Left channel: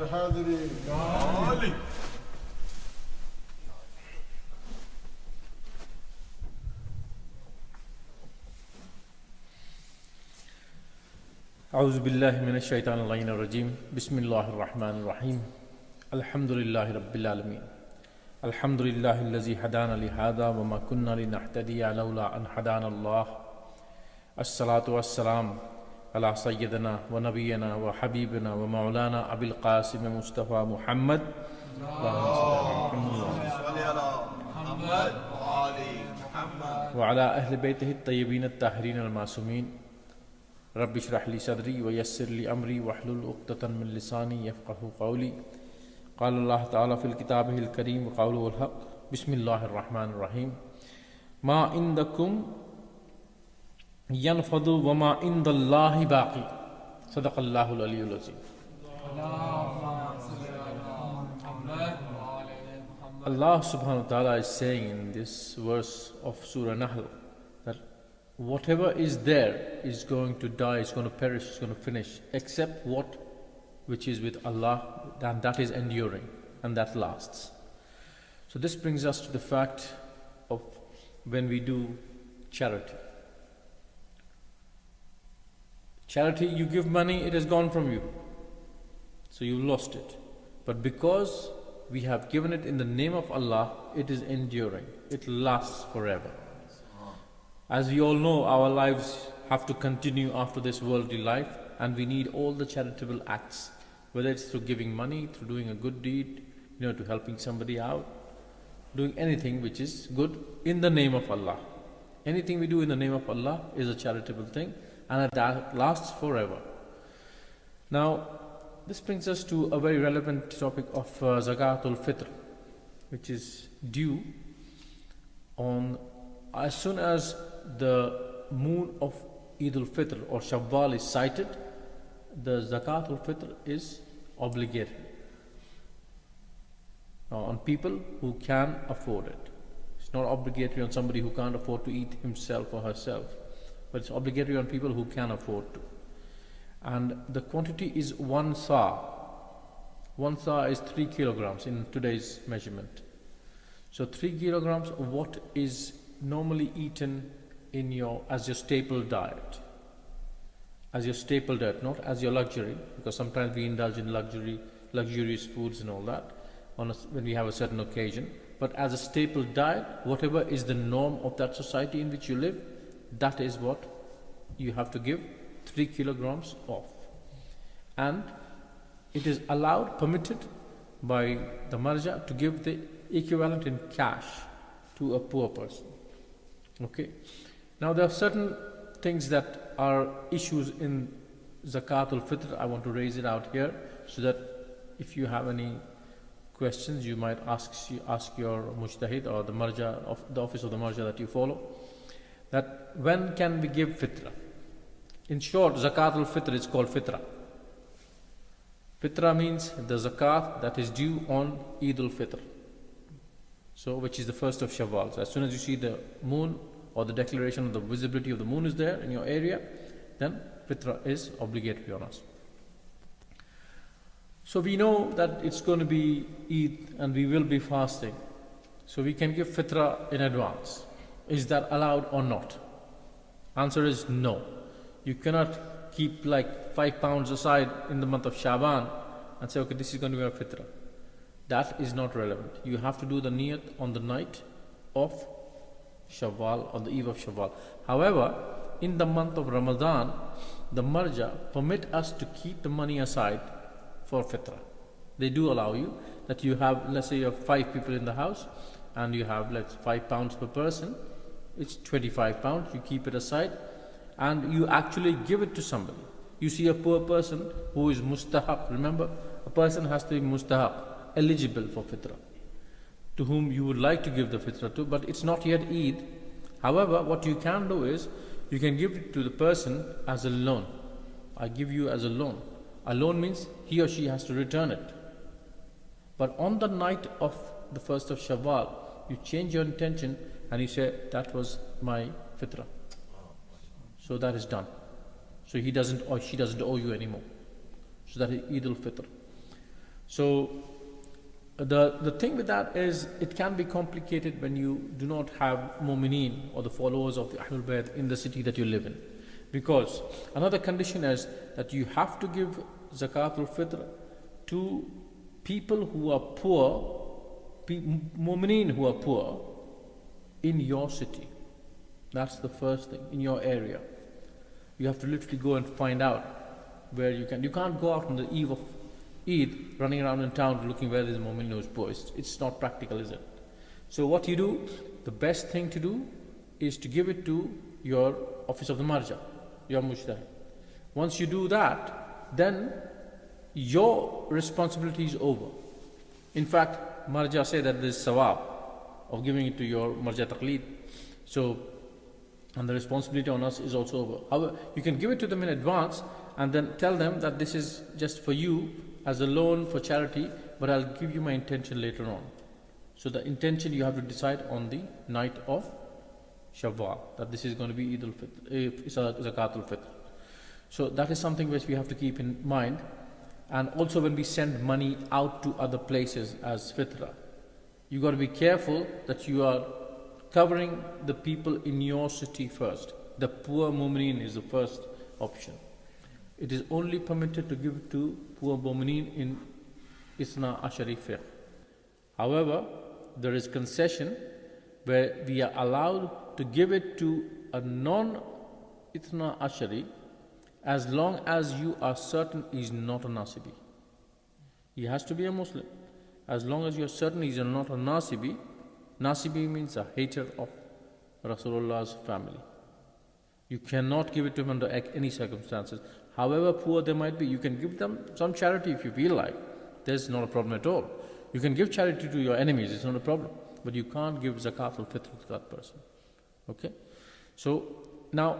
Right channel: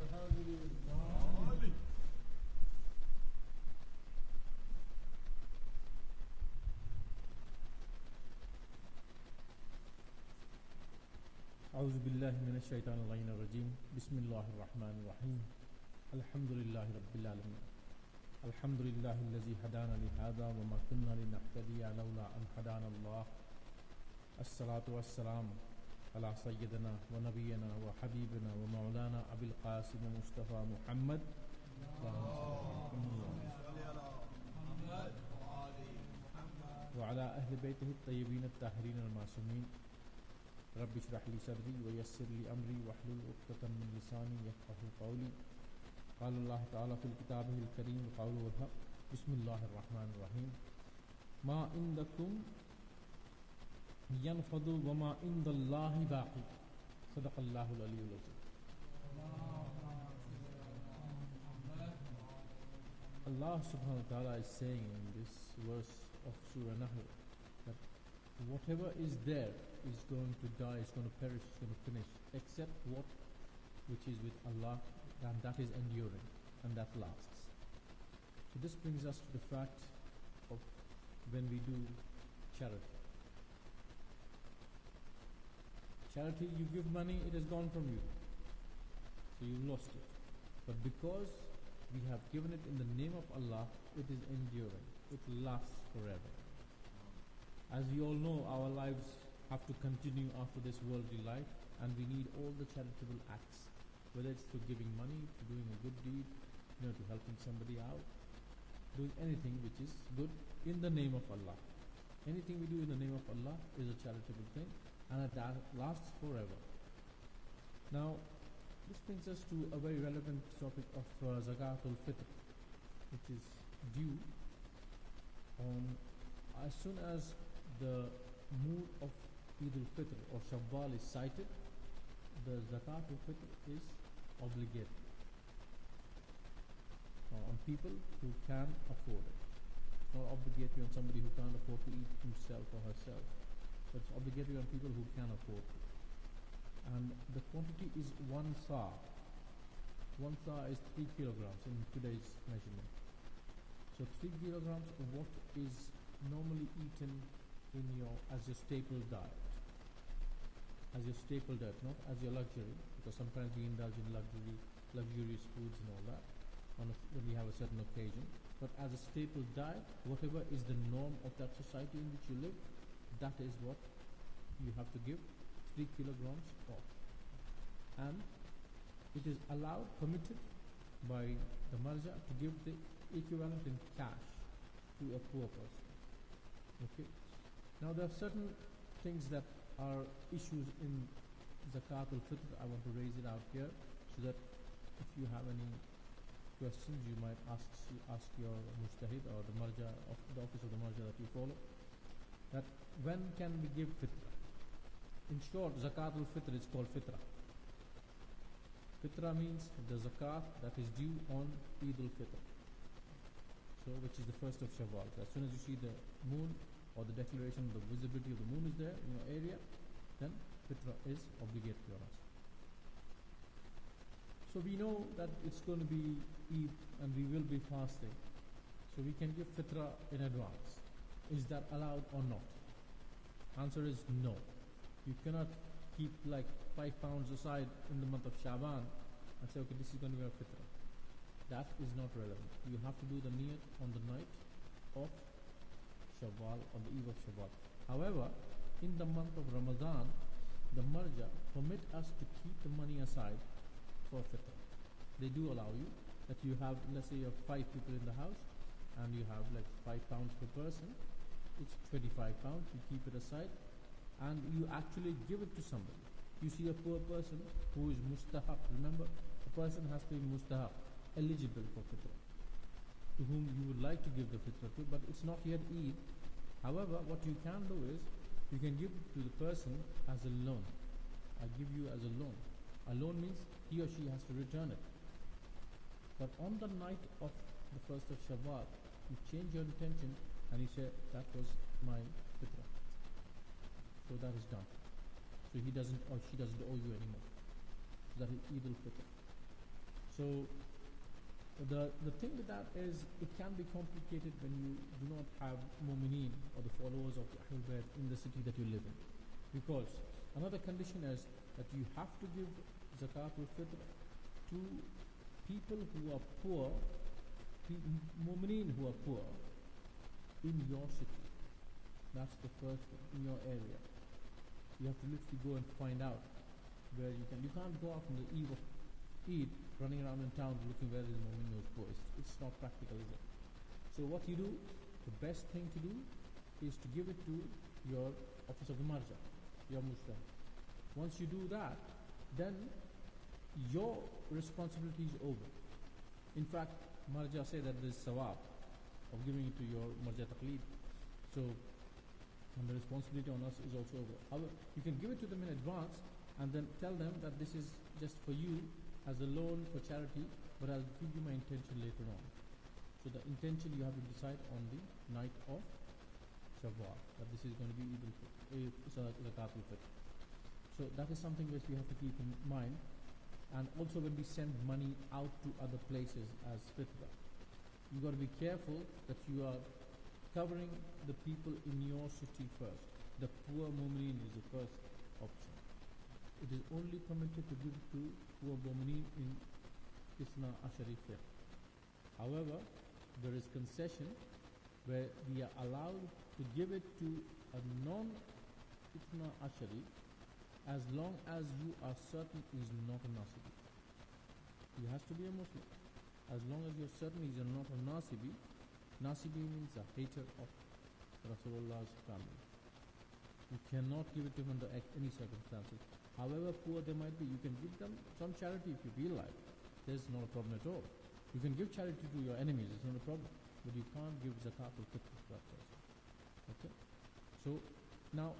الحاضرين أعوذ بالله من الشيطان اللعين الرجيم بسم الله الرحمن الرحيم الحمد لله رب العالمين الحمد لله الذي هدانا لهذا وما كنا لنهتدي لولا أن هدانا الله الصلاة والسلام على سيدنا ونبينا وحبيبنا ومولانا أبي القاسم مصطفى محمد وعلى أهل بيته الطيبين الطاهرين المعصومين رب اشرح لي صدري ويسر لي أمري واحلل عقدة من لساني يفقهوا قولي قال الله تعالى في كتابه الكريم وقوله الحق بسم الله الرحمن الرحيم ما عندكم ينفض وما عند الله باقي صدق الله العلي العظيم. Allah subhanahu wa ta'ala is saying in this verse of Surah Nahl that whatever is there is going to die, is going to perish, is going to finish, except what which is with Allah, and that is enduring and that lasts. So this brings us to the fact of when we do charity. Charity, you give money, it has gone from you. So you lost it. But because we have given it in the name of Allah, it is enduring. It lasts forever. As we all know, our lives have to continue after this worldly life, and we need all the charitable acts, whether it's through giving money, through doing a good deed, to helping somebody out, doing anything which is good in the name of Allah. Anything we do in the name of Allah is a charitable thing, and that lasts forever. Now, this brings us to a very relevant topic of Zakatul Fitr, which is due on as soon as the moon of Eid al-Fitr or Shawwal is sighted. The Zakatul Fitr is obligatory on people who can afford it. It's not obligatory on somebody who can't afford to eat himself or herself, but it's obligatory on people who can afford to. And the quantity is 1 sa. 1 sa is 3 kilograms in today's measurement. So 3 kilograms of what is normally eaten as your staple diet. As your staple diet, not as your luxury, because sometimes we indulge in luxurious foods and all that when we have a certain occasion. But as a staple diet, whatever is the norm of that society in which you live, that is what you have to give 3 kilograms of. And it is allowed, permitted by the marja to give the equivalent in cash to a poor person. Okay. Now there are certain things that are issues in Zakatul Fitr. I want to raise it out here so that if you have any questions, you might ask your mujtahid or the marja of the office of the marja that you follow. That when can we give fitra? In short, Zakatul Fitr is called Fitra. Fitra means the zakat that is due on Eid al-Fitr. So, which is the first of Shawwal. So as soon as you see the moon or the declaration of the visibility of the moon is there in your area, then Fitra is obligatory on us. So we know that it's going to be Eid and we will be fasting. So we can give Fitra in advance. Is that allowed or not? Answer is no. You cannot keep like 5 pounds aside in the month of Shaban and say, okay, this is going to be our Fitra. That is not relevant. You have to do the niyat on the night of Shawwal, on the eve of Shawwal. However, in the month of Ramadan, the marja permit us to keep the money aside for Fitra. They do allow you that you have, let's say you have 5 people in the house and you have 5 pounds per person. It's 25 pounds. You keep it aside and you actually give it to somebody. You see a poor person who is mustahab. Remember, a person has to be mustahab, eligible for Fitra, to whom you would like to give the Fitra to, but it's not yet Eid. However, what you can do is, you can give it to the person as a loan. I give you as a loan. A loan means he or she has to return it. But on the night of the first of Shawwal, you change your intention and you say, that was my Fitra. So that is done. So he doesn't or she doesn't owe you anymore. So that is Eid al-Fitr. So the thing with that is it can be complicated when you do not have mu'mineen or the followers of the Ahlul Bayt in the city that you live in. Because another condition is that you have to give Zakatul Fitr to people who are poor, mu'mineen who are poor in your city. That's the first thing, in your area. You have to literally go and find out where you can. You can't go out on the eve of Eid running around in town looking where there's a mu'min who is poor. It's not practical, is it? So what you do, the best thing to do is to give it to your office of the marja, your mushtahid. Once you do that, then your responsibility is over. In fact, marja say that there's sawab of giving it to your marja taqleed. So, and the responsibility on us is also over. However, you can give it to them in advance and then tell them that this is just for you as a loan for charity, but I'll give you my intention later on. So the intention you have to decide on the night of Shawwal, that this is going to be Eid al-Fitr, Zakatul Fitr. So that is something which we have to keep in mind. And also when we send money out to other places as Fitra, you got to be careful that you are covering the people in your city first. The poor mu'mineen is the first option. It is only permitted to give to poor mu'mineen in Isna Ashari fiqh. However, there is concession where we are allowed to give it to a non-Itna Ashari as long as you are certain he is not a Nasibi. He has to be a Muslim. As long as you are certain he is not a Nasibi. Nasibi means a hater of Rasulullah's family. You cannot give it to him under any circumstances. However poor they might be, you can give them some charity if you feel like. There's not a problem at all. You can give charity to your enemies, it's not a problem. But you can't give Zakat al-Fitr to that person. Okay? So now,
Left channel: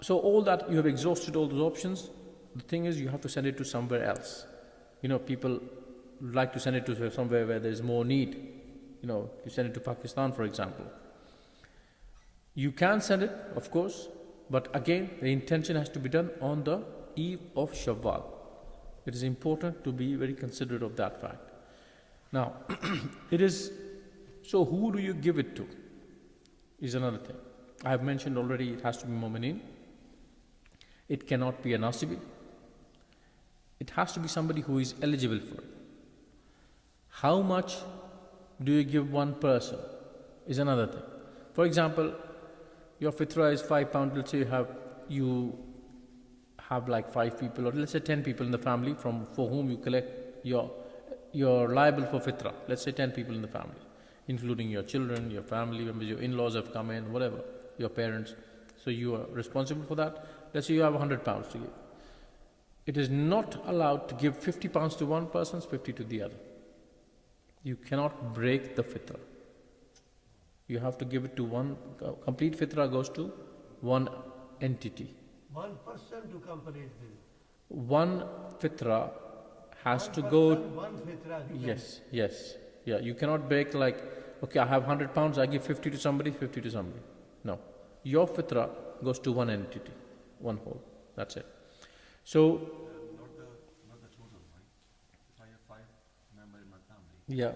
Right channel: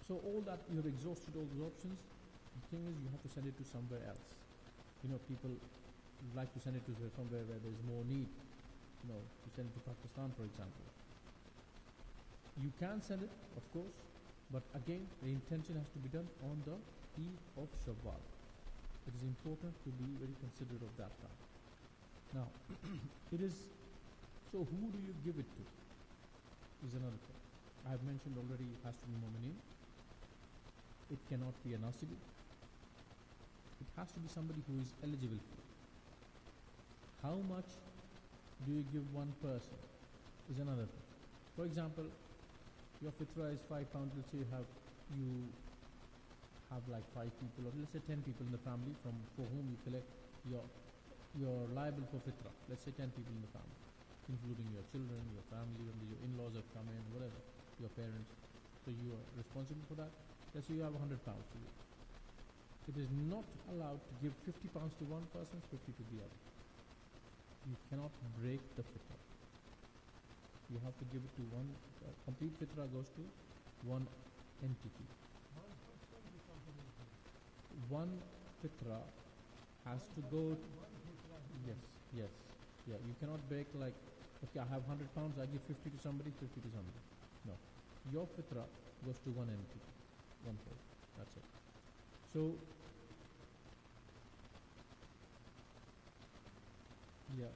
so all that, you have exhausted all those options. The thing is, you have to send it to somewhere else. You know, people like to send it to somewhere where there's more need. You know, you send it to Pakistan, for example. You can send it, of course, but again, the intention has to be done on the eve of Shawwal. It is important to be very considerate of that fact. Now, so who do you give it to? Is another thing. I have mentioned already, it has to be mu'mineen. It cannot be a nasibi. It has to be somebody who is eligible for it. How much do you give one person is another thing. For example, your fitra is £5. Let's say you have like 5 people, or let's say 10 people in the family for whom you collect you're liable for fitra. Let's say 10 people in the family, including your children, your family members, your in-laws have come in, whatever, your parents. So you are responsible for that. Let's say you have £100 to give. It is not allowed to give £50 to one person, 50 to the other. You cannot break the fitra. You have to give it to one. Complete fitra goes to one entity. One person to complete this. One fitra has one to person, go. One fitra. Yes. Yeah, you cannot break like, okay, I have £100, I give 50 to somebody, 50 to somebody. No. Your fitra goes to one entity, one whole. That's it. So, not the total, I have 5 members in my family. yeah,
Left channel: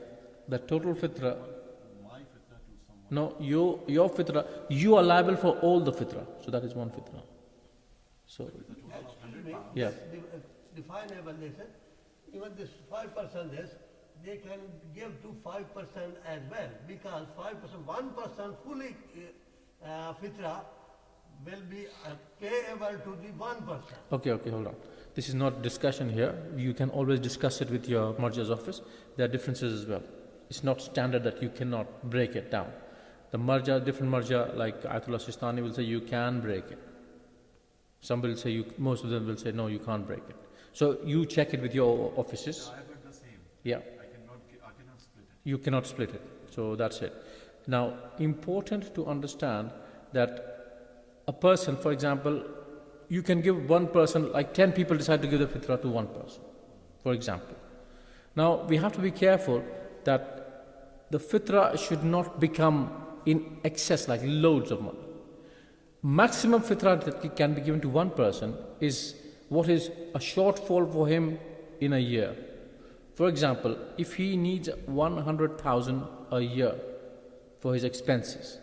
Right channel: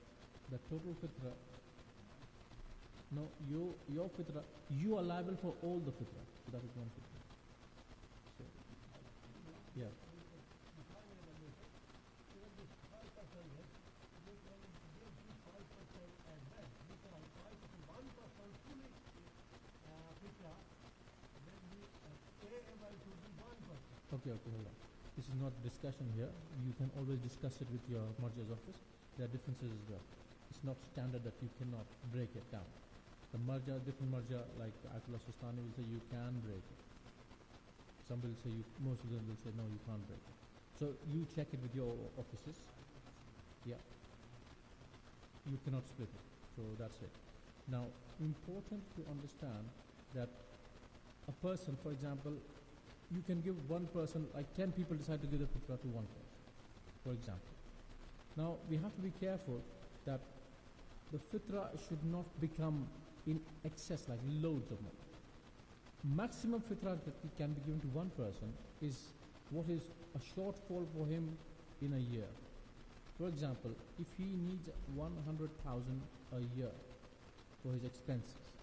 the total fitra. My fitra to someone. No, your fitra, you are liable for all the fitra. So that is one fitra. So, yeah. Definable this. Even this 5% is, they can give to 5% as well, because 5%, 1% fully fitra will be payable to the 1%. Okay, hold on. This is not discussion here. You can always discuss it with your marja's office. There are differences as well. It's not standard that you cannot break it down. The marja, different marja, like Ayatollah Sistani will say you can break it. Somebody will say, most of them will say, no, you can't break it. So you check it with your offices. I have heard the same. Yeah. I cannot split it. You cannot split it. So that's it. Now, important to understand that a person, for example, you can give one person, like 10 people decide to give the fitra to one person, for example. Now, we have to be careful that the fitra should not become in excess, like loads of money. Maximum fitra that can be given to one person is what is a shortfall for him in a year. For example, if he needs 100,000 a year for his expenses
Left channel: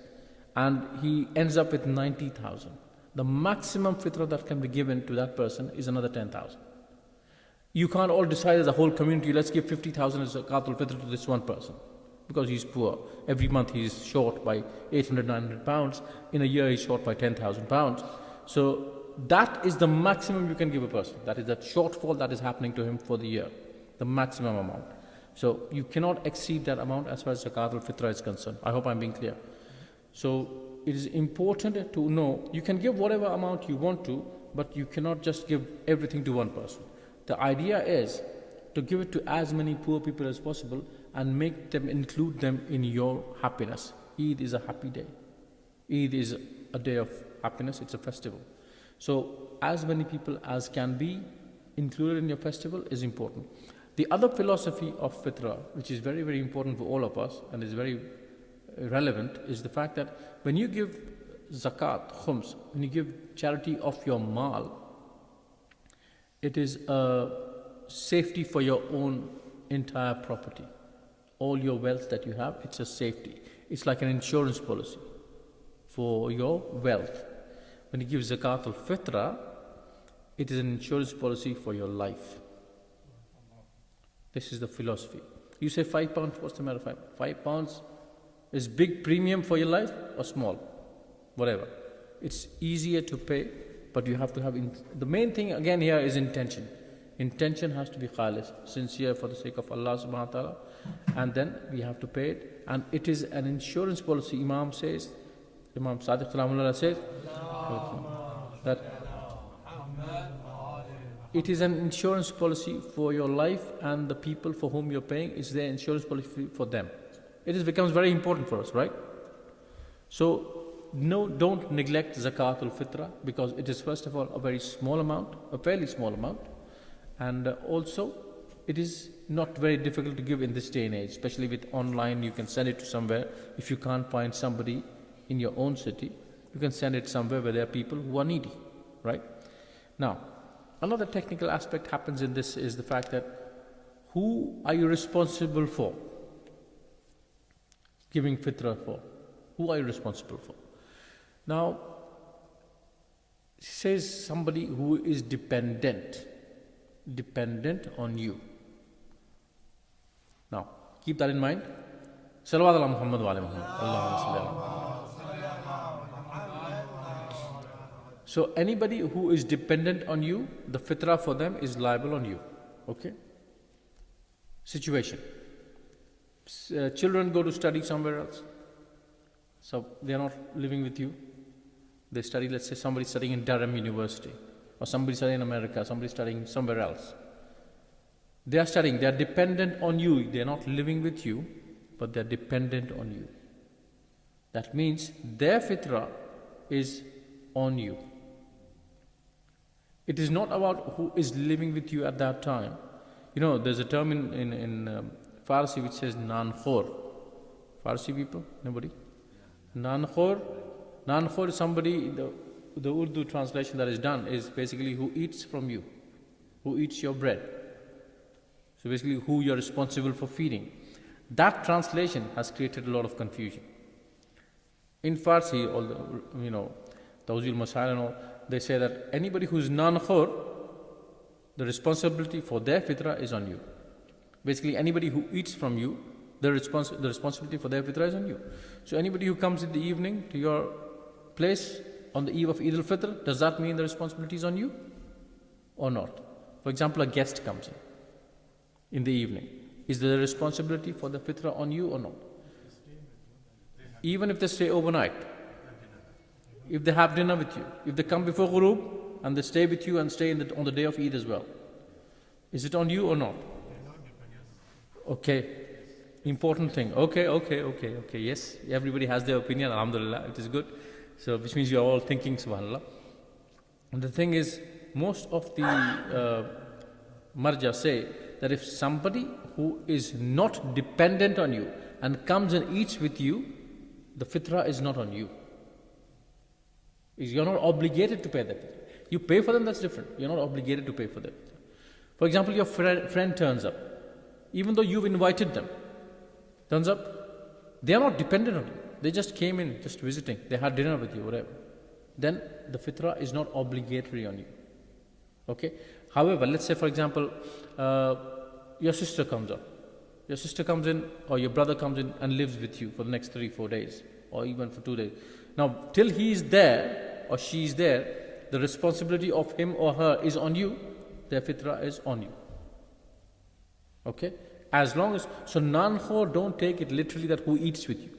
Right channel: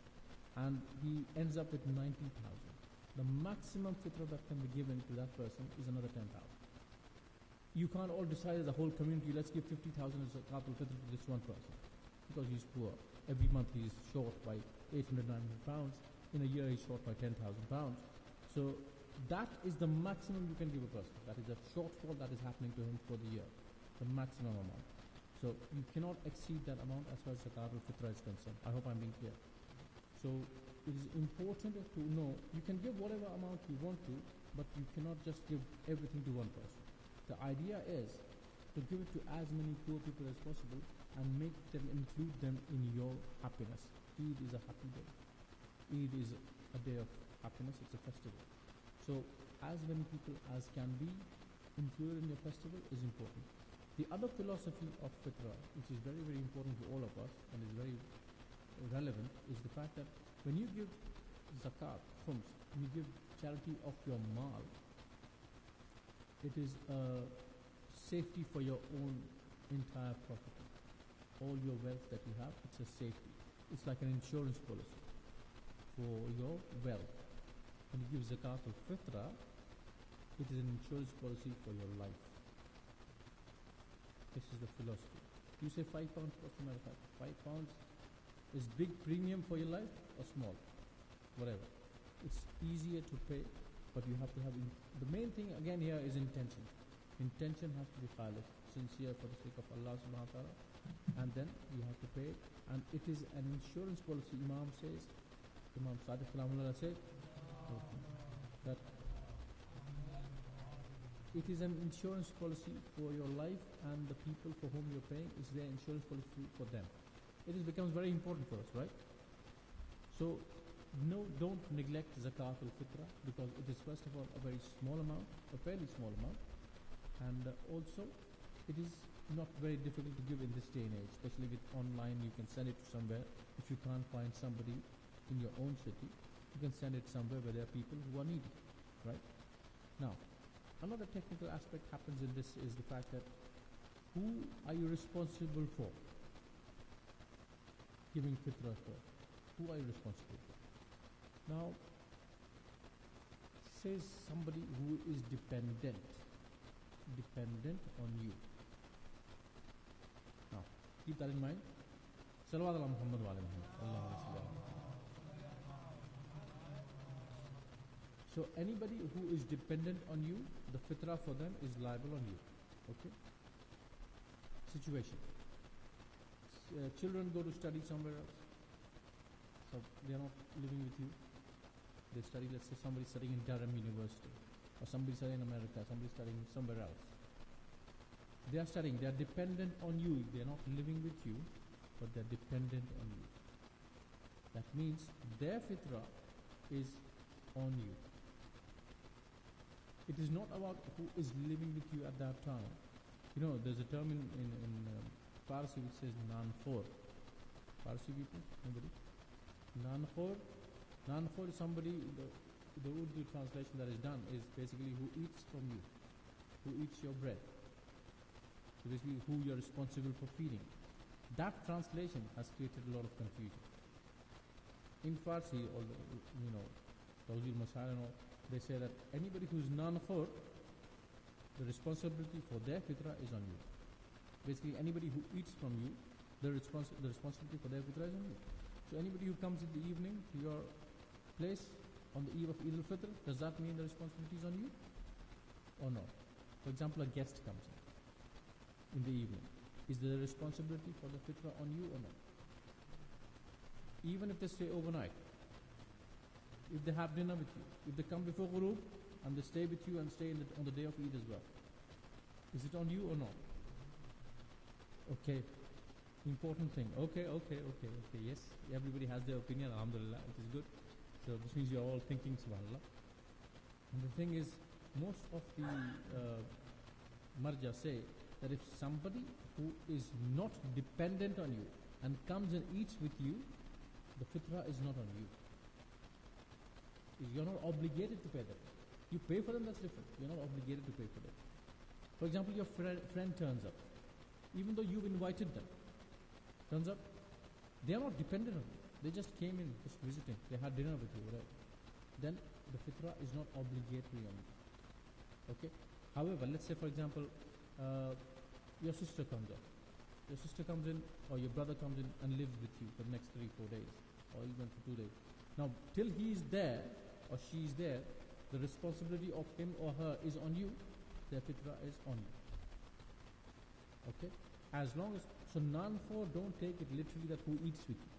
and he ends up with 90,000, the maximum fitra that can be given to that person is another 10,000. You can't all decide as a whole community, let's give 50,000 as zakat al-fitr to this one person because he's poor. Every month he's short by 800, 900 pounds. In a year he's short by 10,000 pounds. So that is the maximum you can give a person. That is that shortfall that is happening to him for the year, the maximum amount. So you cannot exceed that amount as far as zakat al-fitr is concerned. I hope I'm being clear. So it is important to know you can give whatever amount you want to, but you cannot just give everything to one person. The idea is to give it to as many poor people as possible and make them, include them in your happiness. Eid is a happy day. Eid is a day of happiness, it's a festival. So as many people as can be included in your festival is important. The other philosophy of fitra, which is very, very important for all of us and is very relevant, is the fact that when you give zakat, khums, when you give charity of your mal, it is a safety for your own entire property. All your wealth that you have, it's a safety. It's like an insurance policy for your wealth. When you give zakat al-fitra, it is an insurance policy for your life. This is the philosophy. You say £5, what's the matter? £5 is big premium for your life or small? Whatever. It's easier to pay, but you have to have, the main thing again here is intention. Intention has to be khalis, sincere for the sake of Allah subhanahu wa ta'ala, and then we have to pay it. And it is an insurance policy. Imam says, Imam Sadiq Salamullah says, that it is an insurance policy for your life, and the people for whom you're paying is their insurance policy for them. It becomes very important for us, right? So, no, don't neglect zakat al-fitra, because it is first of all a very small amount, a fairly small amount, and also it is not very difficult to give in this day and age, especially with online. You can send it to somewhere. If you can't find somebody in your own city, you can send it somewhere where there are people who are needy, right? Now, another technical aspect happens in this is the fact that who are you responsible for giving fitra for? Who are you responsible for? Now, it says somebody who is dependent on you. Now, keep that in mind. Salawat ala Muhammad wa ala Muhammad. So anybody who is dependent on you, the fitra for them is liable on you. Okay? Situation. Children go to study somewhere else. So they are not living with you. They study, let's say somebody studying in Durham University, or somebody studying in America, somebody studying somewhere else. They are studying, they are dependent on you. They are not living with you, but they are dependent on you. That means their fitra is on you. It is not about who is living with you at that time. You know, there's a term in Farsi which says nan-khor. Farsi people? Nobody? Nan-khor. Nan-khor is somebody, the Urdu translation that is done is basically who eats from you, who eats your bread. So basically who you're responsible for feeding. That translation has created a lot of confusion. In Farsi, all the, you know, Tawzil Masail and all, they say that anybody who's nan-khor, the responsibility for their fitra is on you. Basically, anybody who eats from you, the responsibility for their fitra is on you. So anybody who comes in the evening to your place on the eve of Eid al-Fitr, does that mean the responsibility is on you or not? For example, a guest comes in the evening. Is the responsibility for the fitra on you or not? Even if they stay overnight, if they have dinner with you, if they come before ghurub and they stay with you and stay on the day of Eid as well, is it on you or not? Okay, important thing. Okay, yes, everybody has their opinion, alhamdulillah, it is good. So, which means you are all thinking, subhanallah. And the thing is, most of the marja say that if somebody who is not dependent on you and comes and eats with you, the fitra is not on you. You're not obligated to pay them. You pay for them, that's different. You're not obligated to pay for them. For example, your friend turns up. even though you've invited them. Turns up, they are not dependent on you. They just came in, just visiting. They had dinner with you, whatever. Then the fitrah is not obligatory on you. Okay? However, let's say, for example, your sister comes up. Your sister comes in, or your brother comes in and lives with you for the next 3-4 days, or even for 2 days. Now, till he is there, or she is there, the responsibility of him or her is on you. Their fitrah is on you. Okay? As long as, so non-khor, don't take it literally that who eats with you.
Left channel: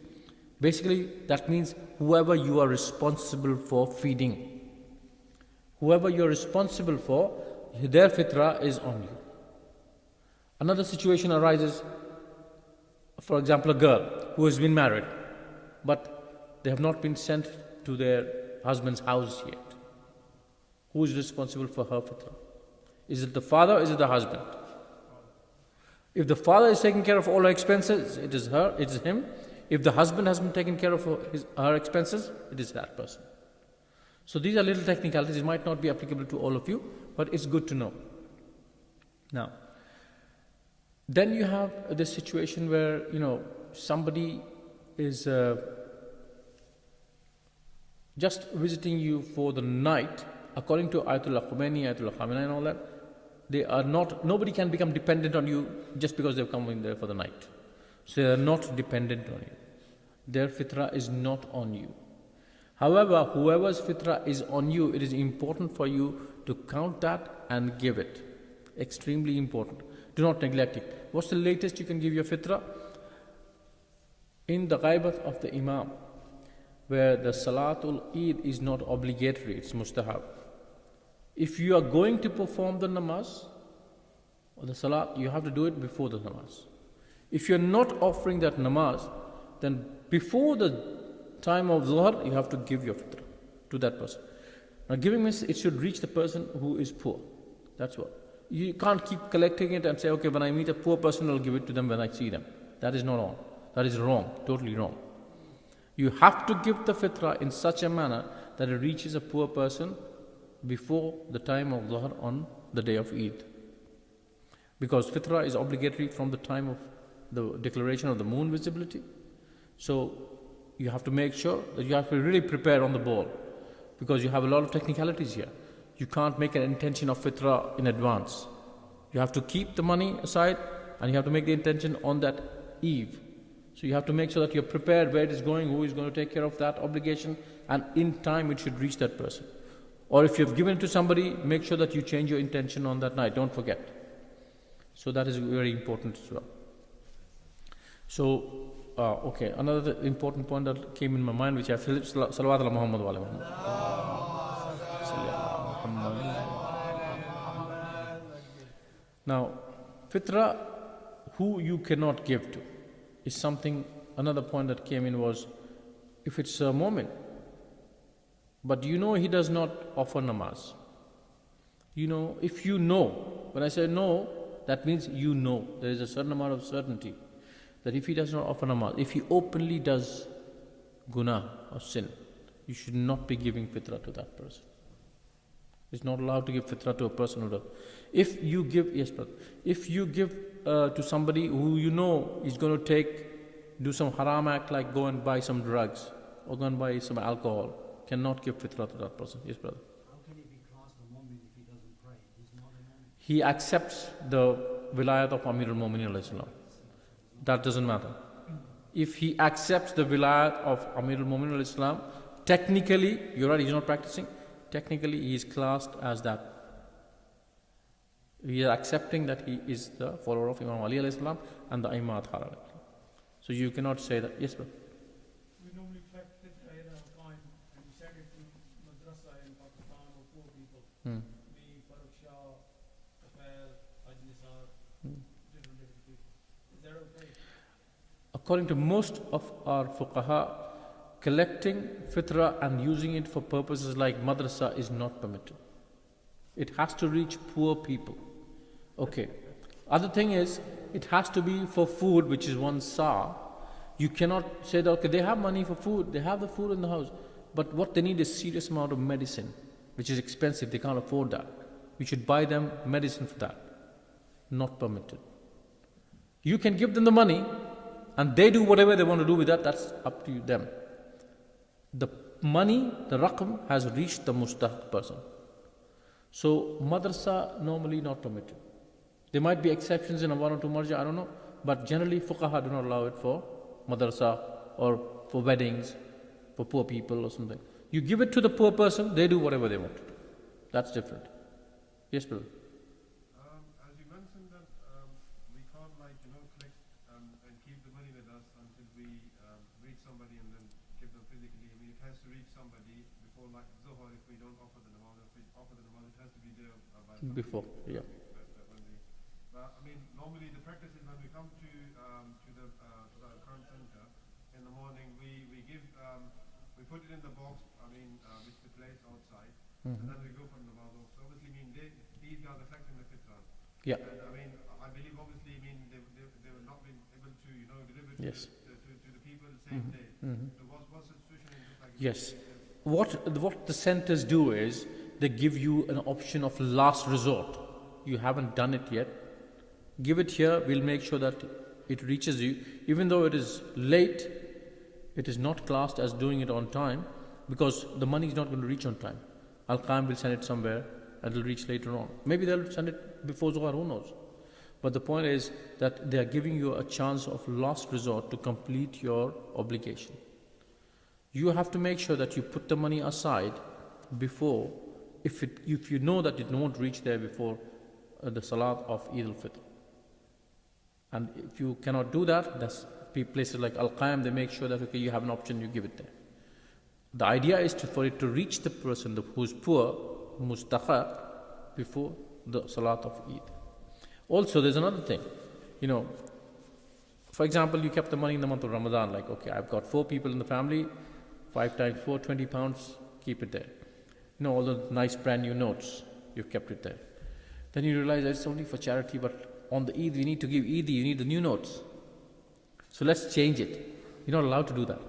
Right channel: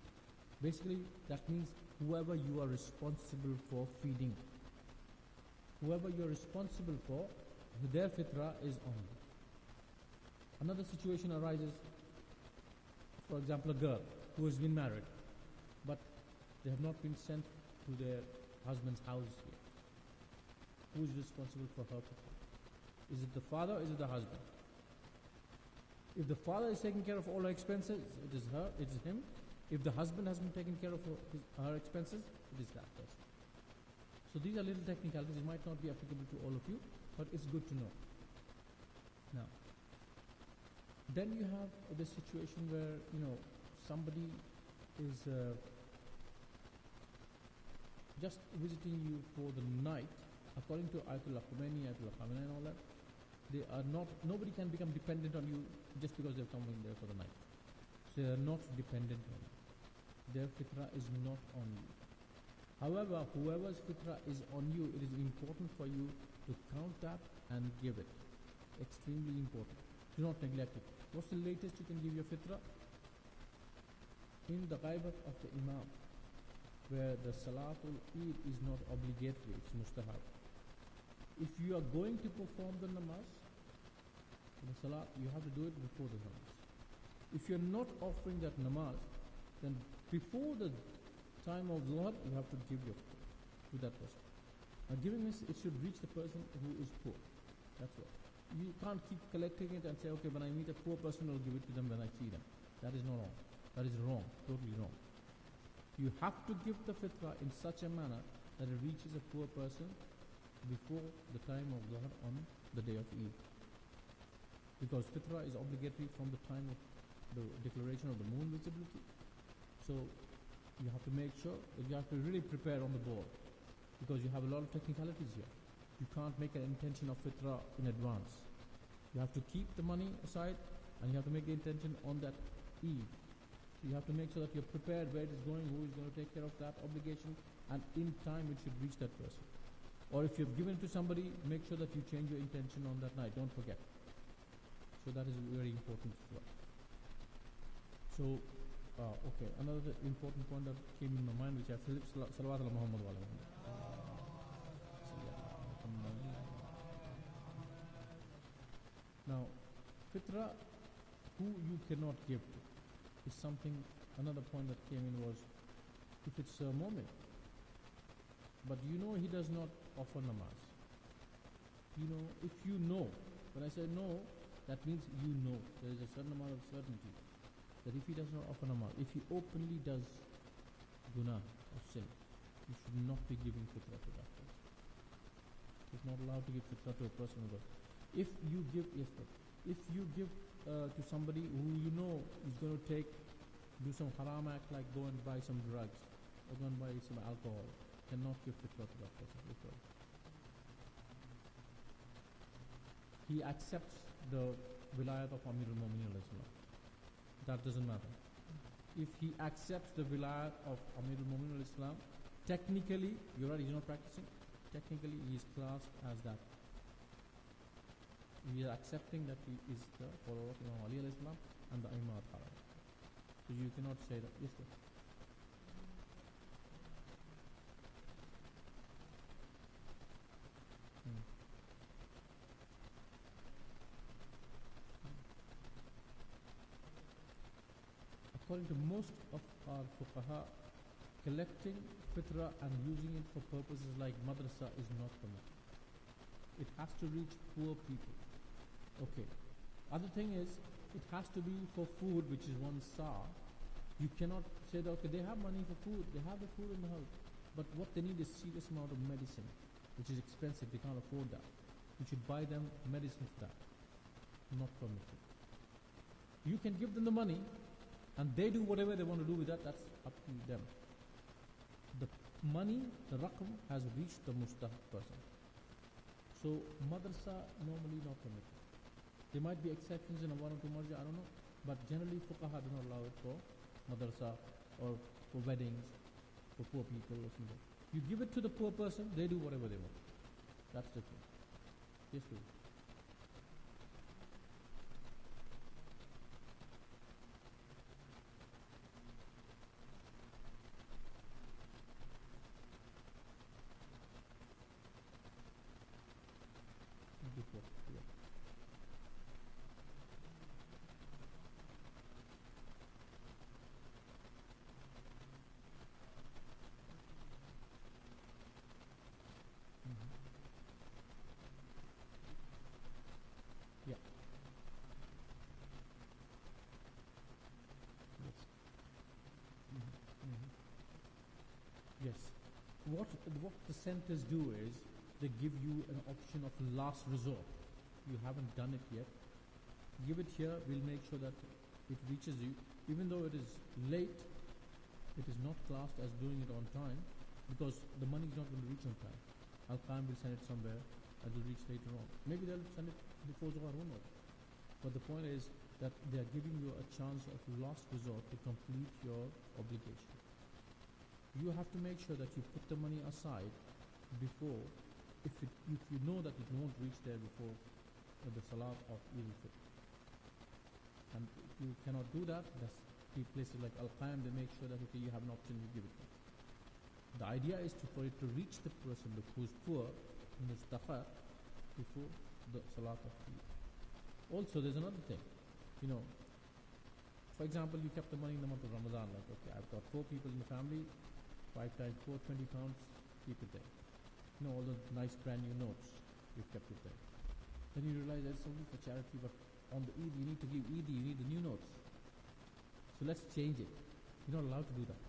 Basically, that means whoever you are responsible for feeding. Whoever you are responsible for, their fitrah is on you. Another situation arises, for example, a girl who has been married, but they have not been sent to their husband's house yet. Who is responsible for her fitrah? Is it the father or is it the husband? If the father is taking care of all her expenses, it is her, it is him. If the husband has been taking care of her expenses, it is that person. So these are little technicalities. It might not be applicable to all of you, but it's good to know. Now, then you have this situation where, somebody is just visiting you for the night. According to Ayatollah Khomeini, Ayatollah Khamenei and all that, they are not, nobody can become dependent on you just because they've come in there for the night. So they are not dependent on you. Their fitrah is not on you. However, whoever's fitrah is on you, it is important for you to count that and give it. Extremely important. Do not neglect it. What's the latest you can give your fitrah? In the ghaibat of the imam, where the Salatul Eid is not obligatory, it's mustahab. If you are going to perform the namaz or the salat, you have to do it before the namaz. If you're not offering that namaz, then before the time of Zuhr, you have to give your fitrah to that person. Now, giving means it should reach the person who is poor. That's what. You can't keep collecting it and say, okay, when I meet a poor person, I'll give it to them when I see them. That is not on. That is wrong, totally wrong. You have to give the fitrah in such a manner that it reaches a poor person before the time of Dhuhr on the day of Eid. Because fitrah is obligatory from the time of the declaration of the moon visibility. So you have to make sure that you have to really prepare on the ball, because you have a lot of technicalities here. You can't make an intention of fitrah in advance. You have to keep the money aside and you have to make the intention on that eve. So you have to make sure that you're prepared where it is going, who is going to take care of that obligation, and in time it should reach that person. Or if you've given it to somebody, make sure that you change your intention on that night. Don't forget. So that is very important as well. So, okay, another important point that came in my mind, which I feel, Salawat ala Muhammad wa ala Muhammad. Now, fitrah, who you cannot give to, is something, another point that came in was, if it's a moment, but he does not offer namaz. If you know, when I say no, that means there is a certain amount of certainty that if he does not offer namaz, if he openly does guna or sin, you should not be giving fitrah to that person. It's not allowed to give fitrah to a person who does. If you give, yes brother, if you give to somebody who is going to do some haram act, like go and buy some drugs or go and buy some alcohol, cannot give fitrah to that person. Yes brother. He accepts the vilayat of Amir al-Mu'minin alayhi salam. That doesn't matter. If he accepts the vilayat of Amir al-Mu'minin alayhi salam, technically, you're right, he's not practicing, technically he is classed as that. We are accepting that he is the follower of Imam Ali alayhi salam and the Imam Haram. So you cannot say that. Yes, brother. We normally practice Al-Quaim and charity madrasa in Pakistan or poor people. We follow Shah, Kafel, Ajnisar, Is that okay? According to most of our fuqaha, collecting fitrah and using it for purposes like madrasa is not permitted. It has to reach poor people. Okay. Other thing is, it has to be for food, which is one sa. You cannot say that, okay, they have money for food, they have the food in the house, but what they need is serious amount of medicine, which is expensive, they can't afford that. We should buy them medicine for that. Not permitted. You can give them the money and they do whatever they want to do with that, that's up to them. The money, the raqam has reached the mustahaq person. So madrasa normally not permitted. There might be exceptions in a one or two marja, I don't know, but generally fuqaha do not allow it for madrasa or for weddings, for poor people or something. You give it to the poor person, they do whatever they want to do. That's different. Yes, brother. As you mentioned that we can't collect and keep the money with us until we reach somebody and then give them physically. It has to reach somebody before Dhuhr if we don't offer the amount. If we offer the amount, it has to be there by Before, yeah. But normally the practice is when we come to the current center in the morning, we give we put it in the box. Which we place outside, and then we go from the box. Obviously, these are reflecting the fitra. Yeah. And I believe obviously, they will not be able to deliver it Yes. to the people the same day. So what's the situation in this? Yes. What the centers do is they give you an option of last resort. You haven't done it yet. Give it here. We'll make sure that it reaches you. Even though it is late, it is not classed as doing it on time because the money is not going to reach on time. Al-Quaim will send it somewhere and it will reach later on. Maybe they'll send it before Zuhr, who knows. But the point is that they are giving you a chance of last resort to complete your obligation. You have to make sure that you put the money aside before, if you know that it won't reach there before the Salat of Eid al-Fitr. And if you cannot do that, that's places like Al-Quaim, they make sure that okay, you have an option, you give it there. The idea is for it to reach the person who's poor, mustahaq, before the Salat of Eid. Also, there's another thing. For example, you kept the money in the month of Ramadan, like, okay, I've got 4 people in the family, 5 times 4, 20 pounds, keep it there. All the nice brand new notes, you've kept it there. Then you realize it's only for charity, but on the Eid, we need to give Eid, you need the new notes. So let's change it. You're not allowed to do that.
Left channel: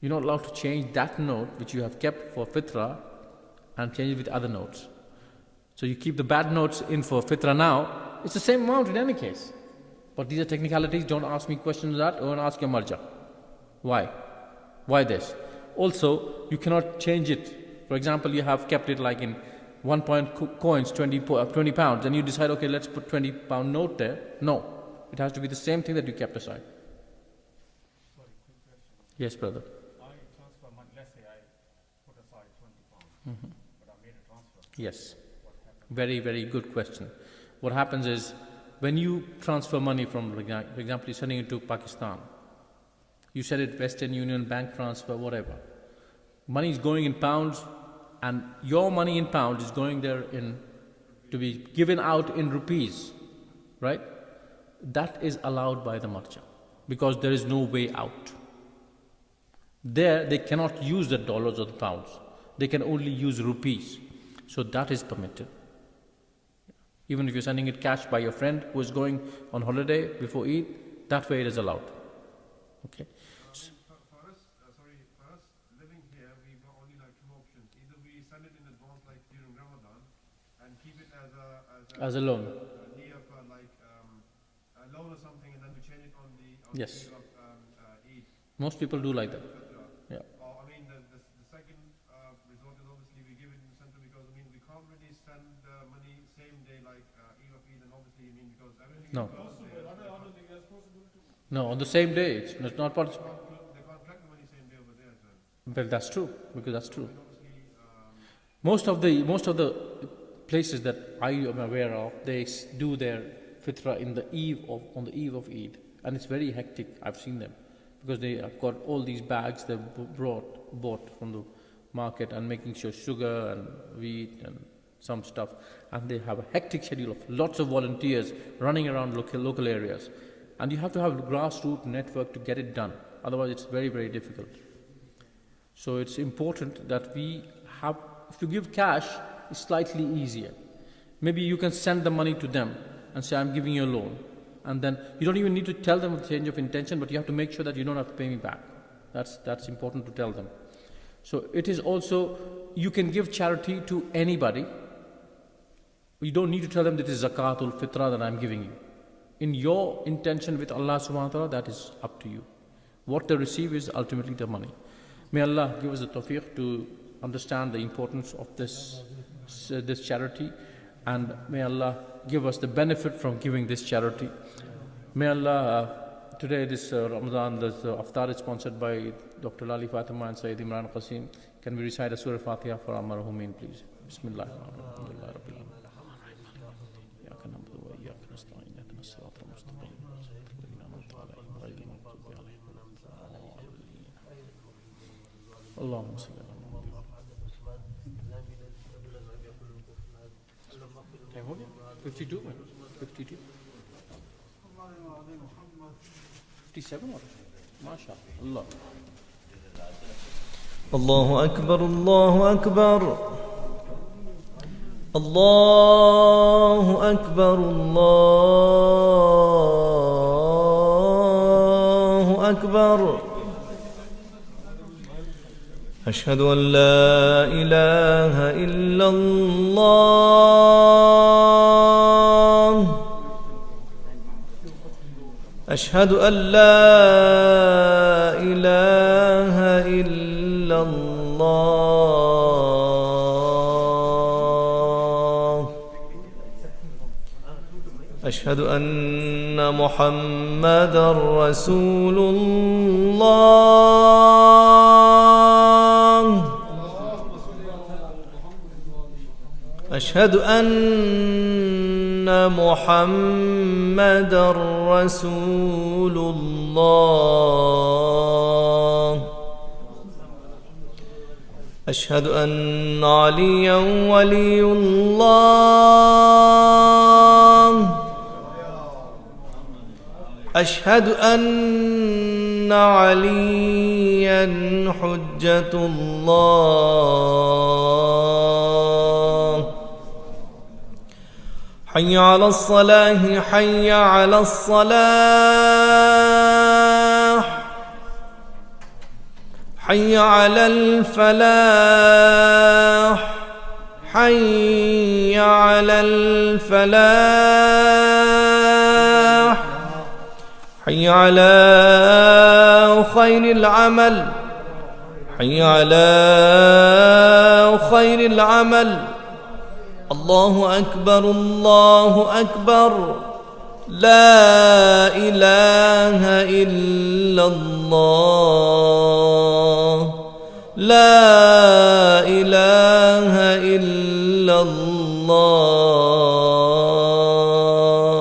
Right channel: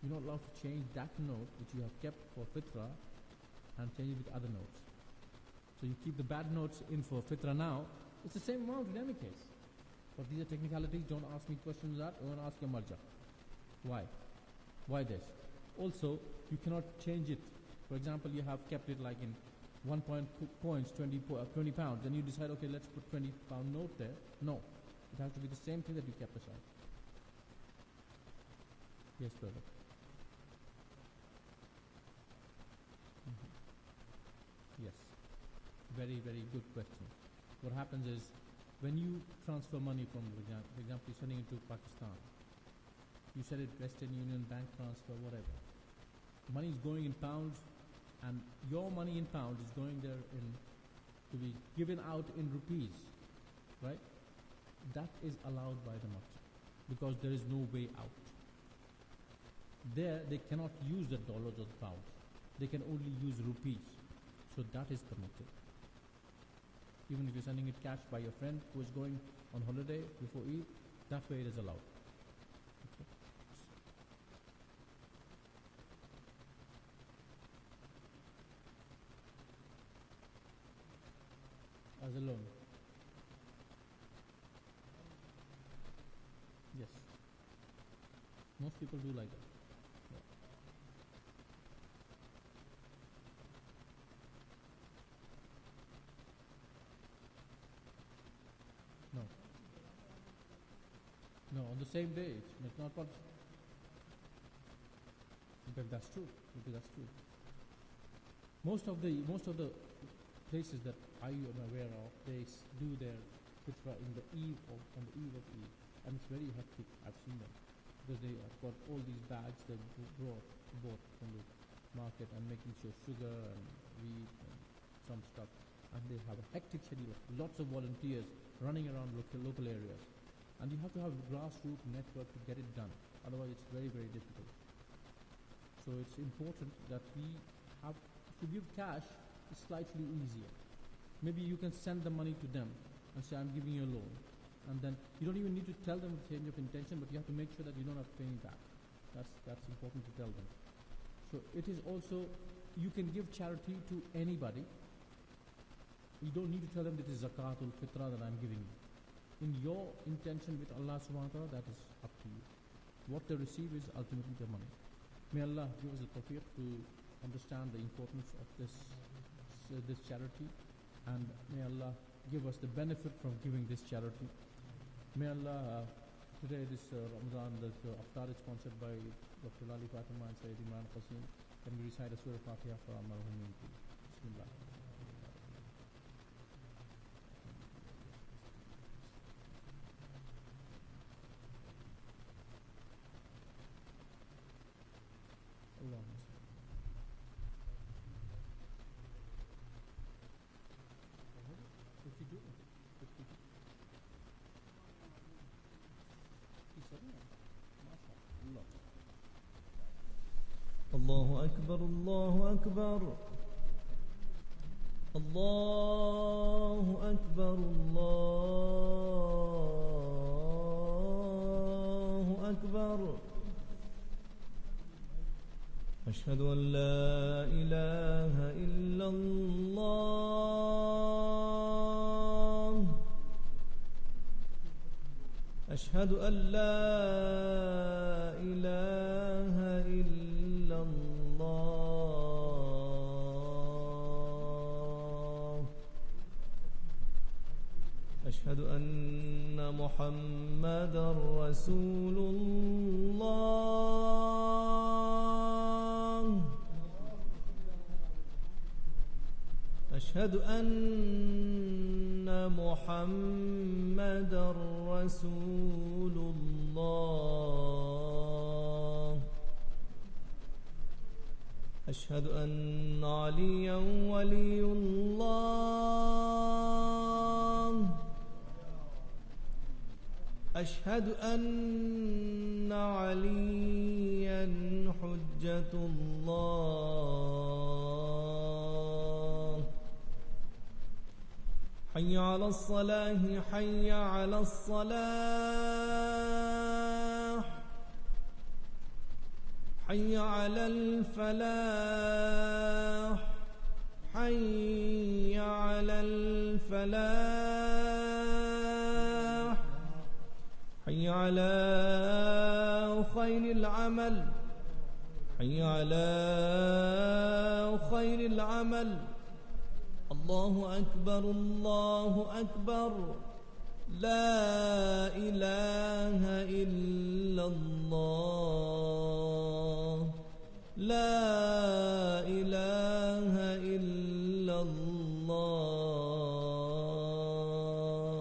You're not allowed to change that note which you have kept for Fitra and change it with other notes. So you keep the bad notes in for Fitra now, it's the same amount in any case. But these are technicalities, don't ask me questions on that, or ask your marja. Why? Why this? Also, you cannot change it. For example, you have kept it like in 1 point coins, 20 pounds, and you decide, okay, let's put 20 pound note there. No, it has to be the same thing that you kept aside. Yes, brother. Yes, very, very good question. What happens is, when you transfer money from, for example, you're sending it to Pakistan, you send it Western Union, bank transfer, whatever. Money is going in pounds, and your money in pounds is going there to be given out in rupees, right? That is allowed by the marja, because there is no way out. There, they cannot use the dollars or the pounds. They can only use rupees. So that is permitted. Even if you're sending it cash by your friend who is going on holiday before Eid, that way it is allowed. Okay. For us living here, we've got only 2 options. Either we send it in advance like during Ramadan and keep it as a loan. Near for a loan or something, and then we change it on the Yes. Eid of Eid. Most people do like that. Yeah. The second resort is obviously we give it in the center because we can't really send money same day like Eid of Eid, and obviously because everything No. is closed there. No, on the same day. It's not possible. They can't collect the money same day over there as well. But that's true, because that's true. Obviously, Most of the places that I am aware of, they do their fitra on the eve of Eid, and it's very hectic. I've seen them because they have got all these bags they bought from the market and making sure sugar and wheat and some stuff, and they have a hectic schedule of lots of volunteers running around local areas, and you have to have a grassroots network to get it done. Otherwise, it's very, very difficult. So it's important that we have. If you give cash, it's slightly easier. Maybe you can send the money to them and say, I'm giving you a loan. And then you don't even need to tell them a change of intention, but you have to make sure that you don't have to pay me back. That's important to tell them. So it is also, you can give charity to anybody. You don't need to tell them that it is Zakatul Fitra that I'm giving you. in your intention with Allah subhanahu wa ta'ala, that is up to you. What they receive is ultimately the money. May Allah give us the tawfiq to understand the importance of this charity, and may Allah give us the benefit from giving this charity. May Allah, today this Ramadan, this iftar is sponsored by Dr. Lali Fatima and Syed Imran Qaseem. Can we recite a Surah Fatiha for our marhumin, please? Bismillah. Allahumma salli ala Muhammad. 52 minutes. 52. 57 or MashaAllah. الله أكبر الله أكبر الله أكبر الله أكبر أشهد أن لا إله إلا الله أشهد أن لا إله إلا الله أشهد أن محمدًا رسول الله أشهد أن محمدًا رسول الله أشهد أن عليًا ولي الله أشهد أن عليًا حجة الله حي على الصلاة حي على الصلاح حي على الفلاح حي على الفلاح حي على خير العمل حي على خير العمل الله أكبر الله أكبر لا إله إلا الله لا